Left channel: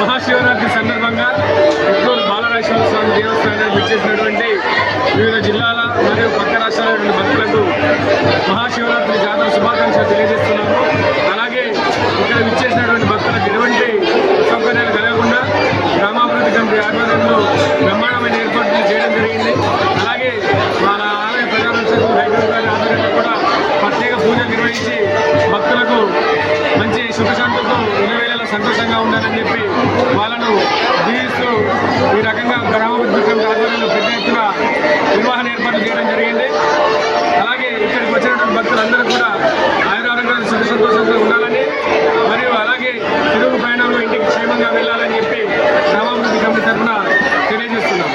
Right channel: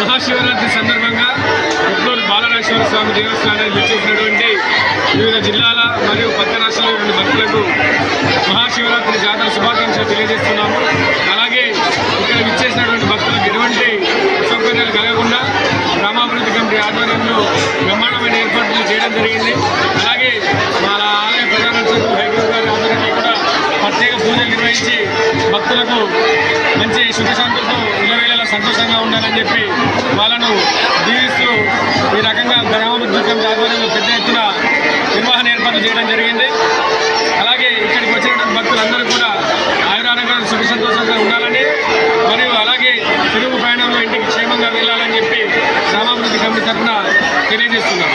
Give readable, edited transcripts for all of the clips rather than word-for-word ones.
మహాశివరాత్రి సందర్భంగా ఉట్లూరు బాలరాజేశ్వర స్వామి దేవస్థానానికి విచ్చేసినటువంటి వివిధ జిల్లాల మరియు పక్క రాష్ట్రాల రెండు భక్తులకు మహాశివరాత్రి జాతర శుభాకాంక్షలు తెలియజేస్తున్నాము. అలాగే ఇక్కడ విచ్చేసినటువంటి భక్తులకు ఎటువంటి అసౌకర్యాలు కలగకుండా గ్రామాభివృద్ధి కమిటీ ఆధ్వర్యంలో బ్రహ్మాండమైన ఏర్పాట్లు చేయడం జరిగింది. అలాగే వాళ్ళ ఆలయ ప్రధాన అర్చకులు హైగ్రూప్ గారి ఆధ్వర్యంలో కూడా ప్రత్యేక పూజలు నిర్వహించి భక్తులకు మంచి సుఖశాంతులతో ఇళ్ళవేళలా సంతోషంగా ఉండాలని చెప్పి వాళ్ళను దీవిస్తూ ఈ రకంగా గ్రామాభివృద్ధి కమిటీ ఆధ్వర్యంలో పెద్ద ఎత్తున నిర్వహణ ఏర్పాట్లు చేయడం జరిగింది. అలాగే ఇక్కడికి వచ్చినటువంటి భక్తులందరూ కూడా ఆయురారోగ్యాలు సుఖ సంతోషంగా ఉండాలని మరియు అలాగే తిరుగు ప్రయాణంలో ఇంటికి క్షేమంగా వెళ్ళాలని చెప్పి గ్రామాభివృద్ధి కమిటీ తరఫున తెలియజేస్తున్నాం.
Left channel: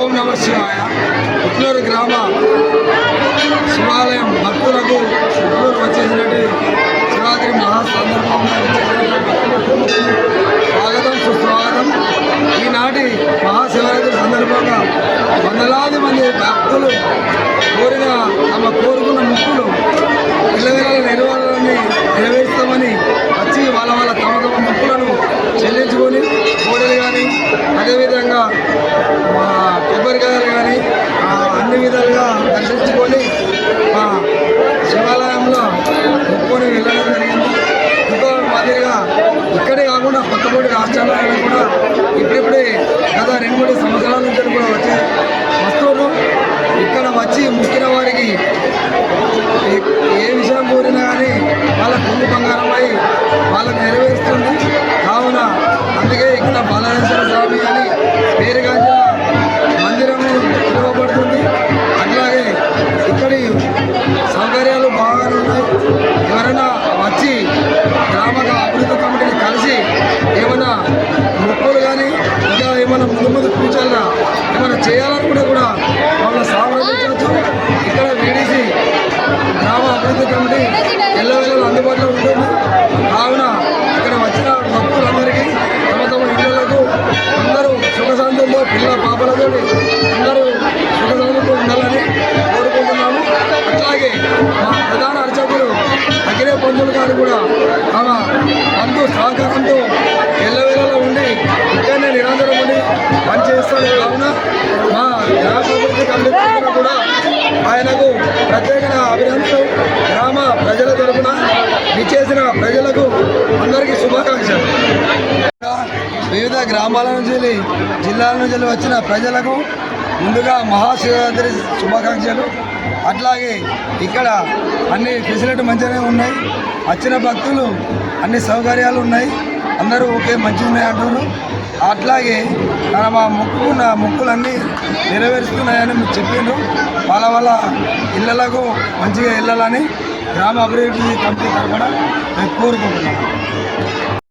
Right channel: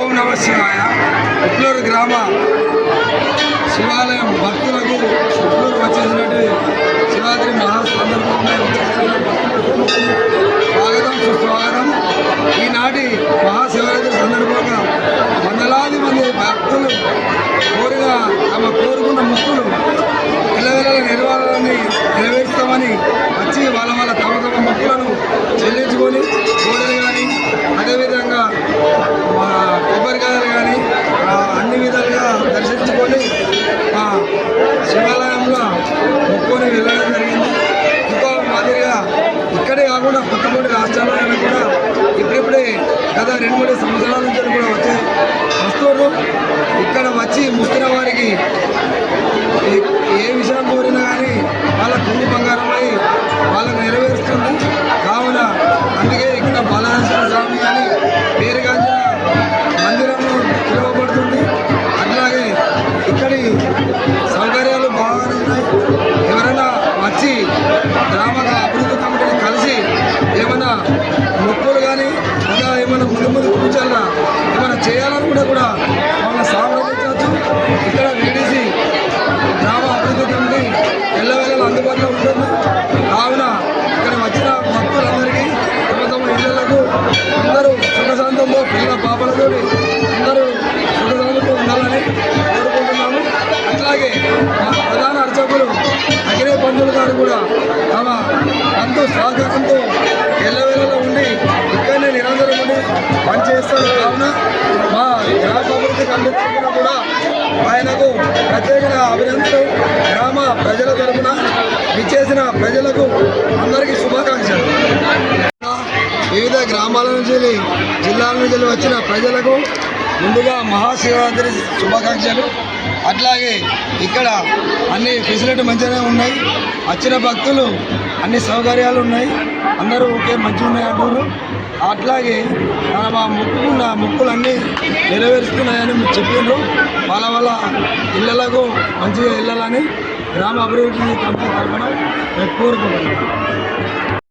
ఓం నమ శివాయ. ఉట్లూరు గ్రామ శివాలయం భక్తులకు ఉట్లూరు వచ్చేసినట్టు శివరాత్రి మహాసందర్భంగా భక్తులకు స్వాగతం సుస్వాగతం. ఈనాటి మహాశివరాత్రి సందర్భంగా వందలాది మంది భక్తులు కోరుకున్న ముక్కులు ఎల్లవేళల నెరవేరుస్తామని వచ్చి వాళ్ళ తమ ముక్కులను చెల్లించుకొని కోడలు కానీ అదేవిధంగా కొబ్బరికాయలు కానీ అన్ని విధాలుగా దర్శించుకొని మా శివాలయంలో మొక్కుకొని వెళ్ళడం జరిగింది. ఇంకో మాదిరిగా ఇక్కడే కాకుండా పక్కపొడి రాష్ట్రాలలో కూడా ఇప్పుడిప్పుడే గత 2-3 సంవత్సరాల నుంచి కూడా వచ్చే వస్తువులు ఇక్కడ వచ్చి మొక్కిన వారికి ఏ విషయం కోరినా కానీ వాళ్ళ కుంగు బంగారమై వాళ్ళకు నెరవేరుస్తుంది. కావున అందుకే ఇక్కడ బాలరాజేశ్వర స్వామి అని పేరుగాంచిన మందిరము పిలువబడుతుంది. అట్లాగే ఇక్కడి సౌకర్యాలు బాగానే ఉన్నాయి. ఎవరైనా వచ్చి గ్రామ అభివృద్ధి కమిటీని కలిసి ఏమైనా మొక్కులు కానీ ఇంకా ఏమైనా ముందు కూర్చోాలరా ఏమైనా చేయాలనుకుంటే కూడా వాళ్ళని సామర్థించవచ్చు. ఇక్కడ వీడీసీ గ్రామ అభివృద్ధి కమిటీ ఎల్లవేళలా అందుబాటులో ఉంటుంది. కావున ఇక్కడ వచ్చిన భక్తులందరికీ తమ ఇళ్లకు అందరూ సుఖశాంతంతో పిల్లల పాపలతో అందరూ సుఖశాంతంతో ఉండాలని కోరుకుంటున్నాము. అట్లాగే మా ప్రధాన అర్చకులు అఖిలే పంతులు గారు కూడా తమ బంధు సహకారంతో ఎల్లవేళలో ఉండి ఇక్కడనే నిరంతరం ఉండి పనిచేస్తారు. కావున మా గ్రామ అభివృద్ధి కమిటీ తరఫున కూడా ఆయనకు ప్రత్యేకంగా అభినందనలు. గ్రామ ప్రజల తరఫున విచ్చేసిన ప్రజలకు అందరికీ శుభాకాంక్షలు. వివిధ గ్రామాల నుంచి జిల్లాల నుంచి వచ్చిన ప్రజలకు ముందుగా మహాశివరాత్రి శుభాకాంక్షలు. అట్లాగే ఇక్కడ అన్ని ఫెసిలిటీ మంచిగానే ఉన్నాయి. వచ్చిన భక్తులు అన్ని సౌకర్యాలు ఉన్నాయి. అందరూ ఓకే మంచిగా ఉన్నాయి అంటారు. అట్లాగే మా మొక్కుకున్న మొక్కులన్నీ నెరవేరుస్తున్నాయని మీరు చెప్పారు. వాళ్ళ ఇళ్ళలకు మంచిగా వెళ్ళాలని గ్రామ అభివృద్ధి కమిటీ తరఫున నేను కోరుకుంటున్నాను.